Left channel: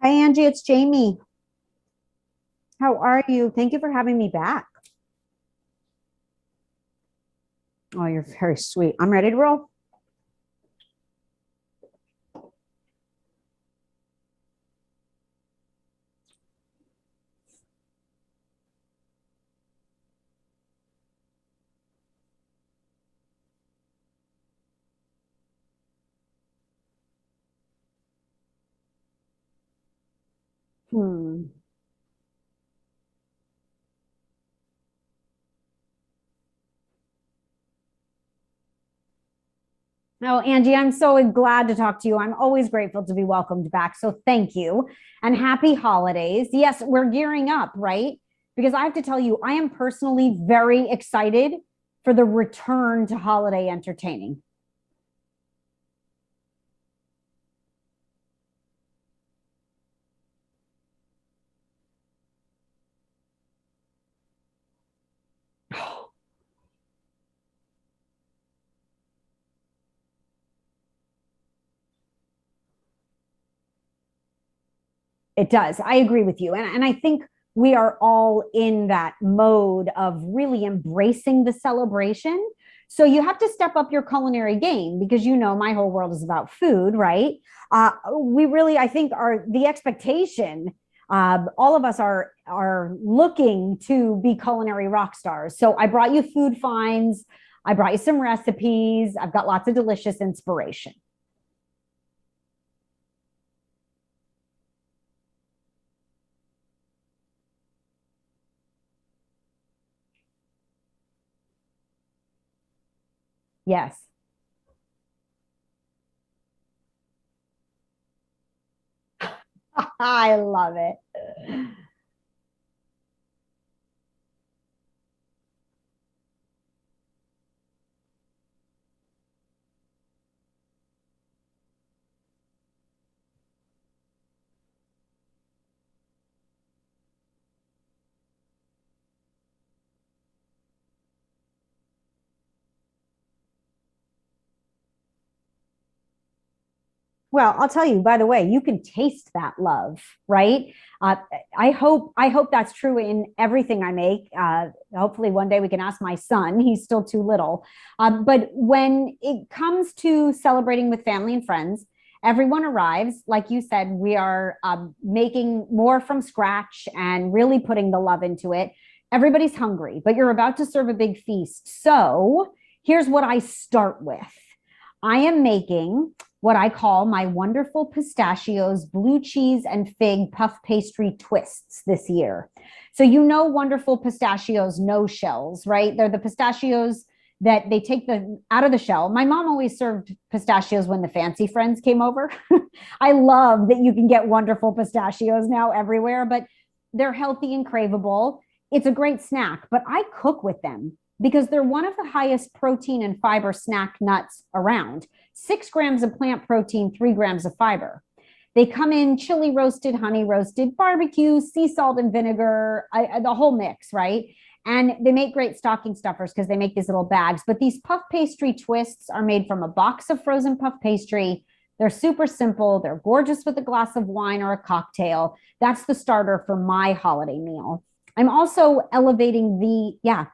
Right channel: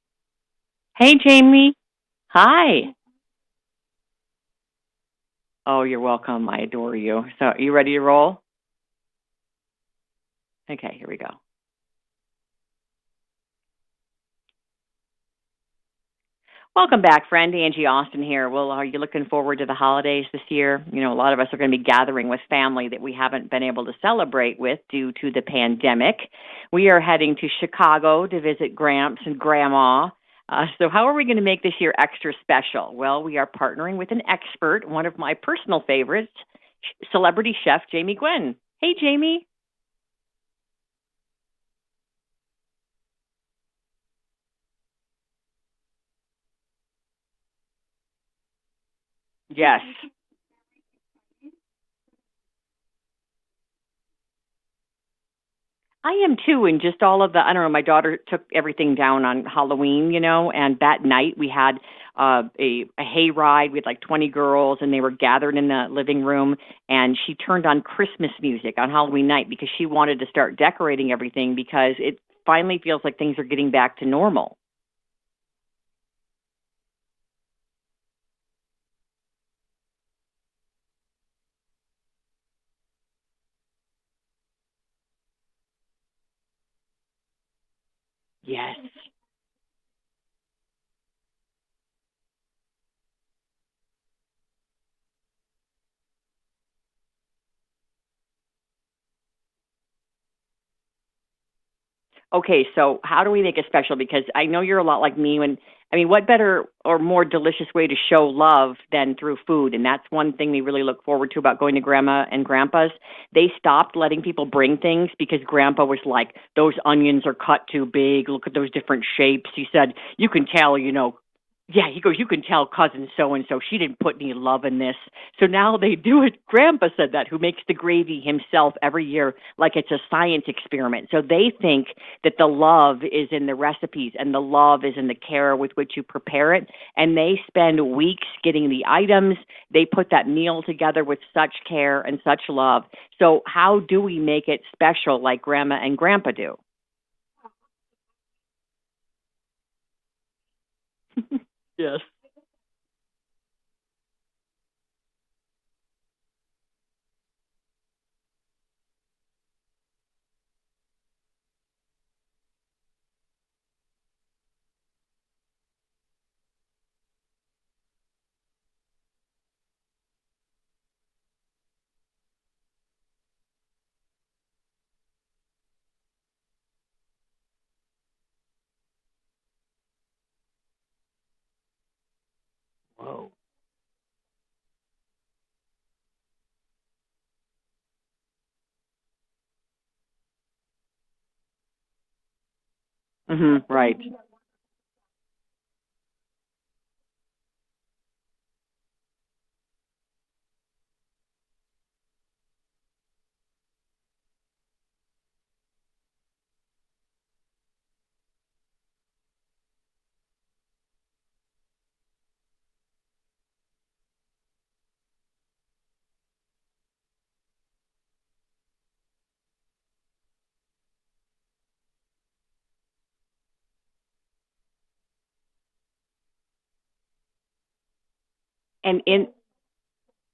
Hi, Angie. It's Hey, Jamie. Jamie. Hi. How are you? Thank you for having me back. Oh, you're welcome. I adore you. So, are you ready to Oh, you're roll? very sweet. I'm ready to roll. Okay, here we go. Welcome back, friend. Angie Austin here. Well, are you looking forward to the holidays this year? You know, a lot of us are going to be gathering with family that we haven't been able to celebrate with due to the pandemic. We are heading to Chicago to visit Gramps and Grandma. So, how are we going to Hmm. make this year extra special? Well, we are partnering with an expert, one of my personal favorites, celebrity chef Jamie Gwen. Hey, Jamie. No, Angie, I'm so glad to talk to you. I'm always grateful to be welcomed back. So thank you and happy holidays. Yes, we're gearing up, right? Because I have to tell you, I am Yes. personally very excited for the return to holiday entertaining. I am too, and just all of the, I don't know, my daughter took everything down on Halloween, and that night we had a hay ride. We had like 20 girls, and they were gathered in the living room, and she turned on Christmas music on Halloween night because she wanted to start decorating everything because it finally feels like things are getting back to normal. It does. I agree with you. And I think we are all in that mode of really embracing the celebration. So you have to step up your culinary game because my whole world is about food, right? We Yes. really, I think, are the expectation. All of us are looking to be culinary rock stars. So I brought you food finds. I brought you some recipes. I've got lots of delicious inspiration. Okay, so how do we make it special? Because I know you're a lot like me. I mean, what better or more delicious way to show love than through food? And that's one thing we really look forward to about going to Grandma and Grandpa's. They Yes. stopped letting people bring things because Grandpa was like, those onions are cut too big. Look at those different shapes. He said, you I can love tell, it. yeah, he goes, you can tell cousin so and so, she didn't put any love in this. So now they do it. Grandpa said that, who makes the gravy himself every year like it's a science experiment. So they think that the love is in the recipes and the love is in the care with which you prepare it. And they spend weeks getting the items. They put that meal together with such care and such love. So, how do we make it special like Grandma and Grandpa do? Well, I'll tell you, by the way, you can taste that love, right? Uh, I Yes. hope I hope that's true in everything I make. Hopefully, one day we can ask my son. He's still too little. But when it comes to celebrating with family and friends, everyone arrives. Like you said, we are making more from scratch and really putting the love into it. Everybody's hungry, but you're about to serve a big feast. So here's what I start with. I am making what I call my wonderful pistachios, blue cheese, and fig puff pastry twists this year. So, wonderful pistachios, no shells, right? They're the pistachios that they take the out of the shell. My mom always served pistachios when the fancy friends came over. I love that you Right. can get wonderful pistachios now everywhere, but they're healthy and craveable. It's a great snack, but I cook with them because they're one of the highest protein and fiber snack nuts around. 6 grams of plant protein, 3 grams of fiber. They come in chili roasted, honey roasted, barbecue, sea salt and vinegar, the whole mix, right? And they make great stocking stuffers because they make these little bags. But these puff pastry twists are made from a box of frozen puff pastry. They're super simple. They're gorgeous with a glass of wine or a cocktail. That's the starter for my holiday meal. I'm also And elevating yeah.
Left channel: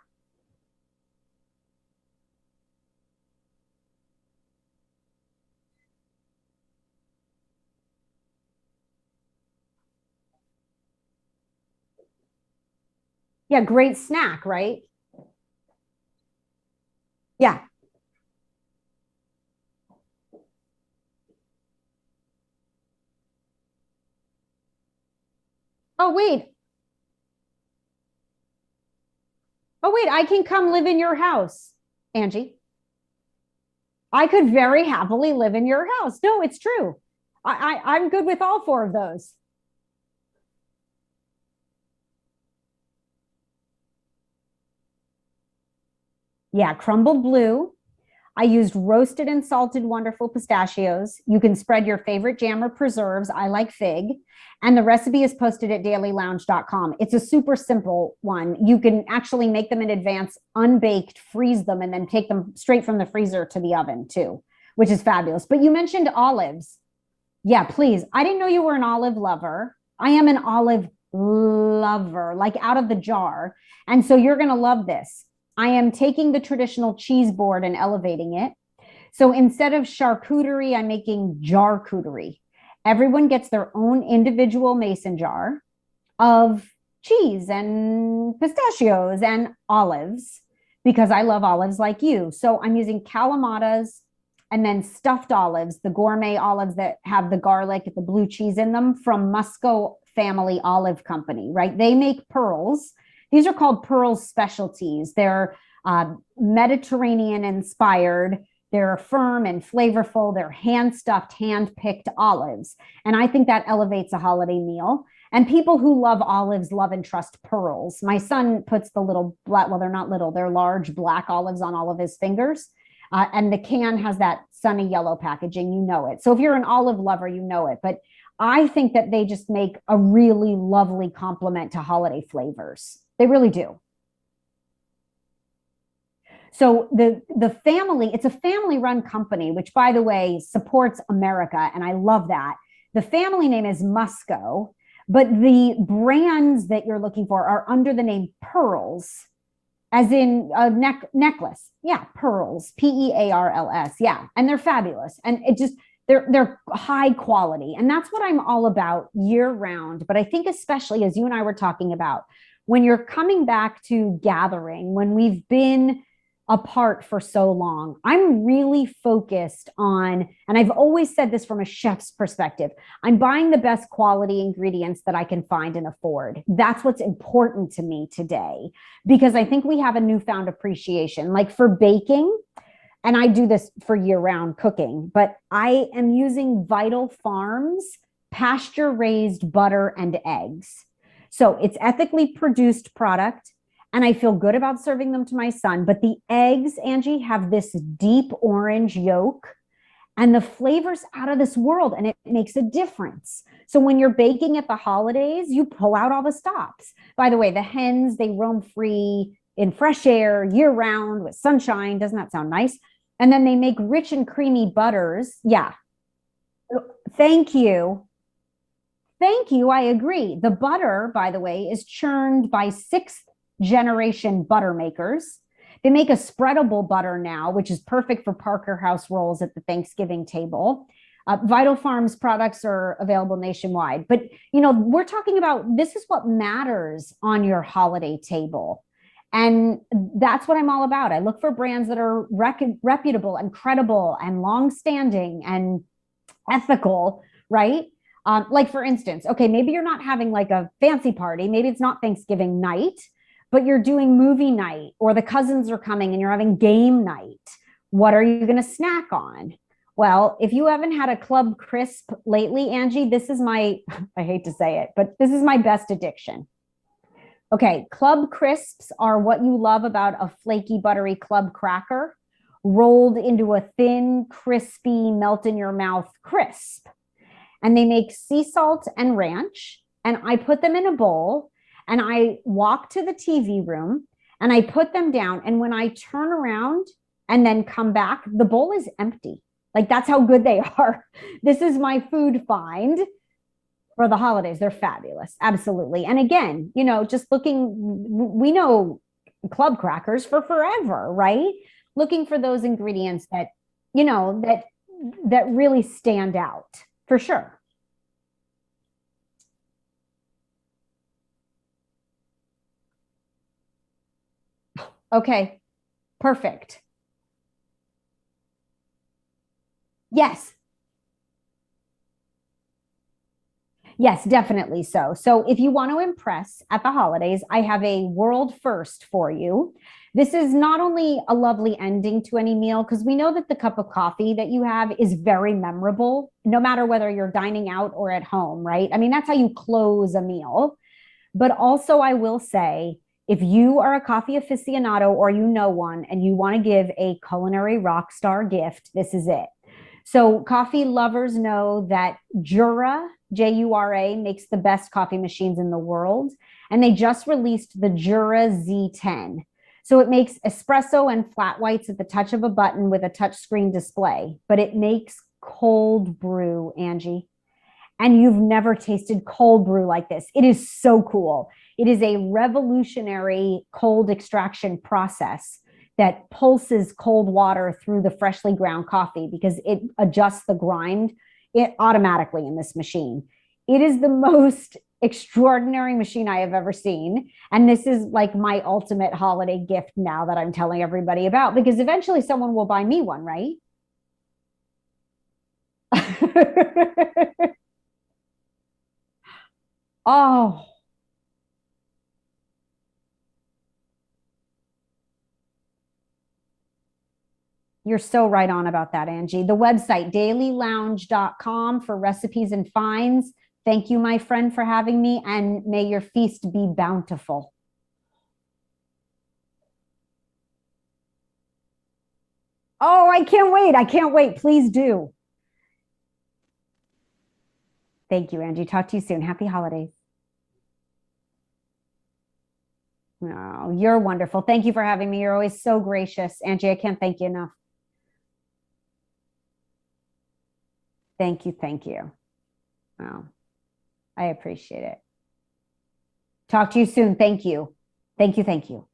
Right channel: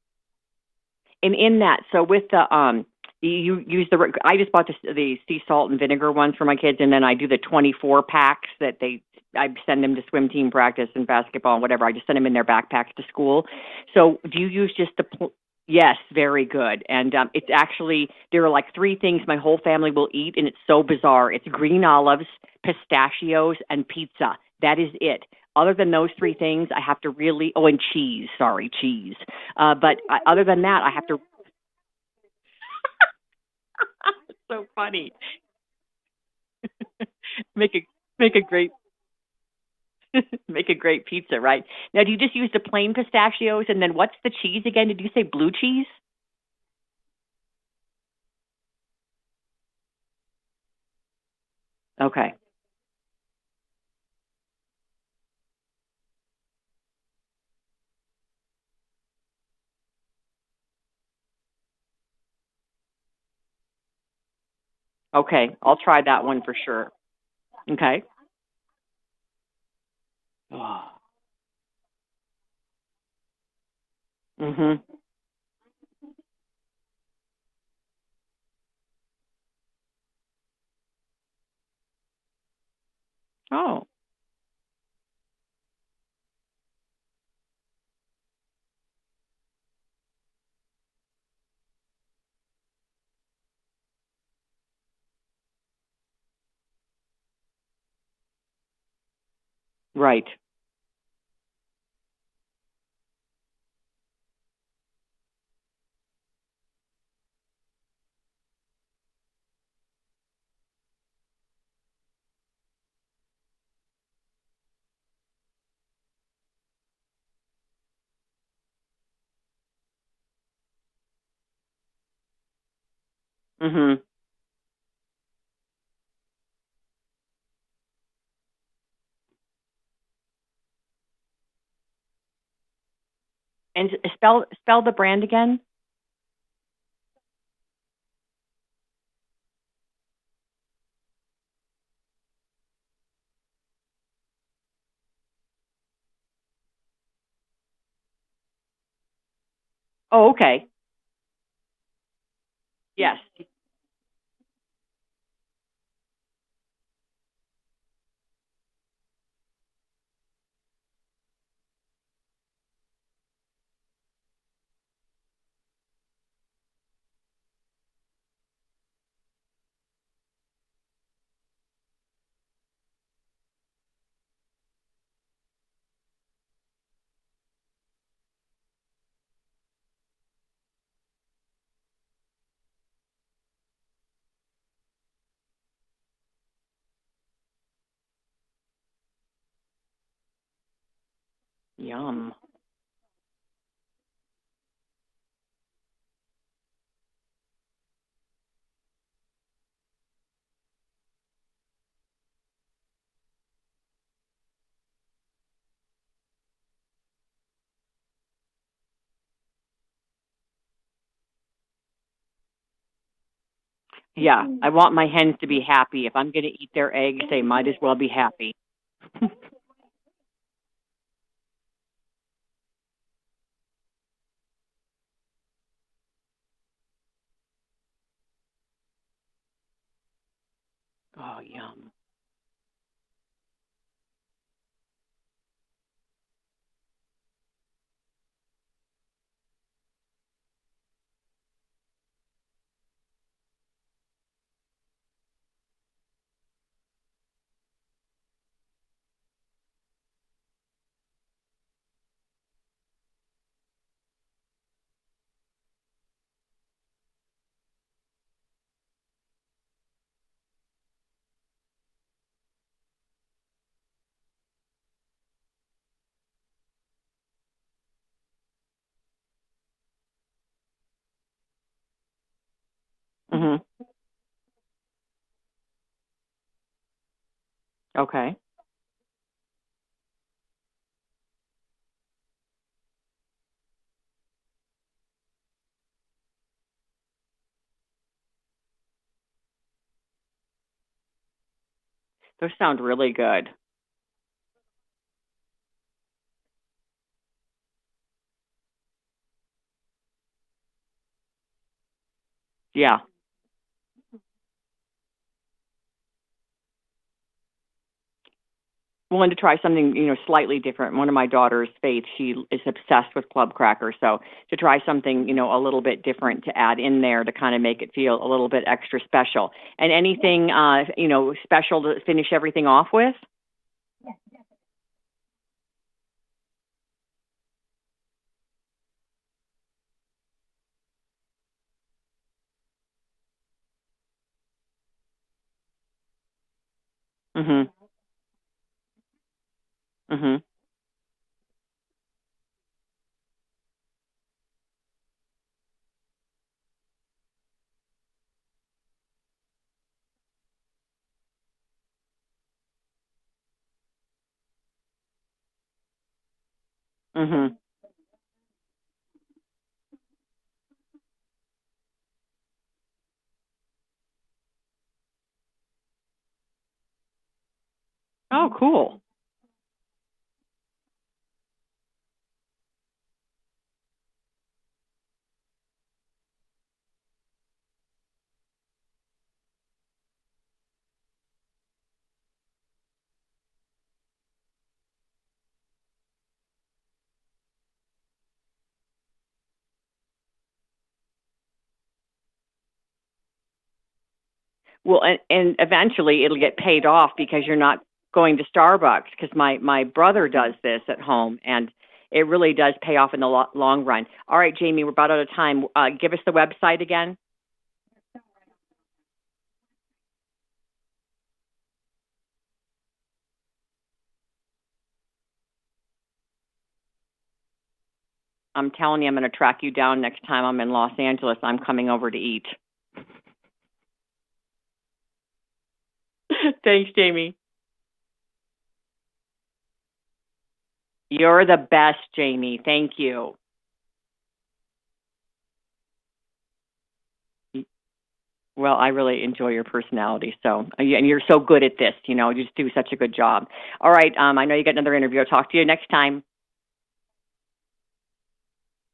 in that, so with the you use I just bought the sea salt and vinegar ones for my kids, and then I do the 24 packs that I send them to swim team practice and basketball and whatever. I just send them in their backpacks to school. Yeah, great So do snack, you use right? just yes, very good. And it's Yeah. actually, there are like three things my whole family will eat, and it's so bizarre. It's green olives, pistachios, and pizza. That is it. Other than those Oh, three wait. things, I have to really, oh, and cheese, sorry, cheese. Oh, But wait, I other could than come that, live I in have your to, house, Angie. I could so very funny. happily live in your house. No, it's true. Make I'm good make with a all great four of those. make a great pizza, right? Now, do you just use the plain pistachios, and then what's the cheese again? Did you say blue cheese? Yeah, crumbled blue. I used roasted and salted wonderful pistachios. You can spread your Okay. favorite jam or preserves. I like fig. And the recipe is posted at dailylounge.com. It's a super simple one. You can actually make them in advance, unbaked, freeze them, and then take them straight from the freezer to the oven too, which is fabulous. Okay, But you I'll try mentioned that one for olives. sure. Yeah, Okay. please. I didn't know you were an olive lover. I am an olive lover, like out of the jar. And so you're going to Mm-hmm. love this. I am taking the traditional cheese board and elevating it. So instead of charcuterie, I'm making jarcuterie. Everyone gets their Oh, own individual mason jar of cheese and pistachios and olives because I love olives like you. So I'm using calamatas and then stuffed olives, the gourmet olives that have the garlic, the blue cheese in them from Musco right. Family Olive Company, right? They make pearls. These are called pearl specialties. They're Mediterranean inspired. They're firm and flavorful. They're hand stuffed, hand picked olives. And I think that elevates a holiday meal. And people who love olives love and trust pearls. My son puts the little black, well, they're not little, they're large black olives on all of his fingers. And the Mm-hmm. can has that sunny yellow packaging, you know it. So if you're an olive lover, you know it. But I think that they just make a really lovely complement to holiday flavors. They really do. And spell the brand again. So the family, it's a family run company, which by the way supports America, and I love that. The family name is Musco, but the brands that you're looking for are under the name Pearls, as Oh, in okay. a necklace. Yeah, Pearls, Yes. Pearls. Yeah, and they're fabulous, and it just they're high quality, and that's what I'm all about year round. But I think especially as you and I were talking about, when you're coming back to gathering, when we've been apart for so long, I'm really focused on, and I've always said this from a chef's perspective, I'm buying the best quality ingredients that I can find and afford. That's what's important to me today, because I think we have a newfound appreciation. Like for baking, and I do this for year round cooking, but I am using Vital Farms pasture raised butter and eggs. So it's ethically Yum. produced product and I feel good about serving them to my son. But the eggs, Angie, have this deep orange yolk and the flavors out of this world, and it makes a difference. So when you're baking at the holidays, you pull out all the stops. By the way, the hens, they roam free in fresh air year round with sunshine. Doesn't that sound nice? And then they make rich and Yeah, creamy I want my hens butters. to be Yeah. happy. If I'm going to eat their eggs, they Thank might as well you. be happy. Thank you. I agree. The butter, by the way, is churned by sixth generation butter makers. They make a spreadable butter now, which is perfect for Parker House rolls at the Thanksgiving table. Vital Farms products are available nationwide. But, you know, we're talking about this is what matters on your holiday table. And that's what I'm all about. I look for brands that are reputable and credible and long-standing and ethical, right? Like for instance, okay, maybe you're not having like a fancy party, maybe it's not Thanksgiving night, but you're doing movie night or the cousins are coming and you're having game night. What are you going to snack on? Well, if you haven't had a Club Crisp lately, Angie, this is my, I hate to say it, but this is my best addiction. Okay, Club Crisps are what you love about a flaky, buttery club cracker rolled into Mm-hmm. a thin, crispy, melt in your mouth crisp. And they make Okay. sea salt and ranch. And I put them in a bowl and I walk to the TV room and I put them down. And when I turn around and then come back, the bowl is empty. Like that's how good they are. This is my food Those sound find really good. for the holidays. They're fabulous. Absolutely. And again, you know, just looking, we know club crackers for forever, right? Looking for those Yeah. ingredients that, you know, that really stand out for sure. Willing to try something, slightly different. One of my daughters, Faith, she is obsessed with club crackers. So to try something, Okay, a little bit different to perfect. add in there to kind of make it feel a little bit extra special. And anything, Yes, special to finish everything off with? yes, definitely so. So if you want to impress at the holidays, I have a world first for you. This is not only a lovely ending to any meal, because we know that the cup of coffee that you have is very memorable, no matter whether you're Mm-hmm. dining out or at home, right? I mean, that's how you close a Mm-hmm. meal. But also, I will say, if you are a coffee aficionado or you know one and you want to give a culinary rock star gift, this is it. So, coffee lovers know that Jura, Jura, makes the best coffee machines in the world. And they just Mm-hmm. released the Jura Z10. So, it makes espresso and flat whites at the touch of a button with a touchscreen display, but it makes cold brew, Angie. And you've Oh, never cool. tasted cold brew like this. It is so cool. It is a revolutionary cold extraction process that pulses cold water through the freshly ground coffee because it adjusts the grind it automatically in this machine. It is the most extraordinary machine I have ever seen. And this is like my ultimate holiday gift now that I'm telling everybody about, because eventually someone will buy me one, right? Well, and eventually it'll get paid off because you're not going to Starbucks. Because my brother does Oh, this at home, and it really does pay off in the long run. All right, Jamie, we're about out of time. Give us the website again. you're so right on about that, Angie. The website, dailylounge.com, for recipes and finds. Thank you, my friend, for having me, and may your feast be bountiful. I'm telling you, I'm going to track you down next time I'm in Los Angeles. I'm coming over to eat. Oh, I can't wait. I can't wait. Please do. Thanks, Jamie. Thank you, Angie. Talk to you soon. Happy holidays. You're the best, Jamie. Thank you. No, you're wonderful. Thank you for having me. You're always so gracious. Angie, I can't thank you enough. Well, I really enjoy your personality. So, and you're Thank so you, good at thank this. you. You just do such a good No, job. All right. I I know you got appreciate another it. interview. I'll talk to you next time. Talk to you soon. Thank you. Thank you. Thank you.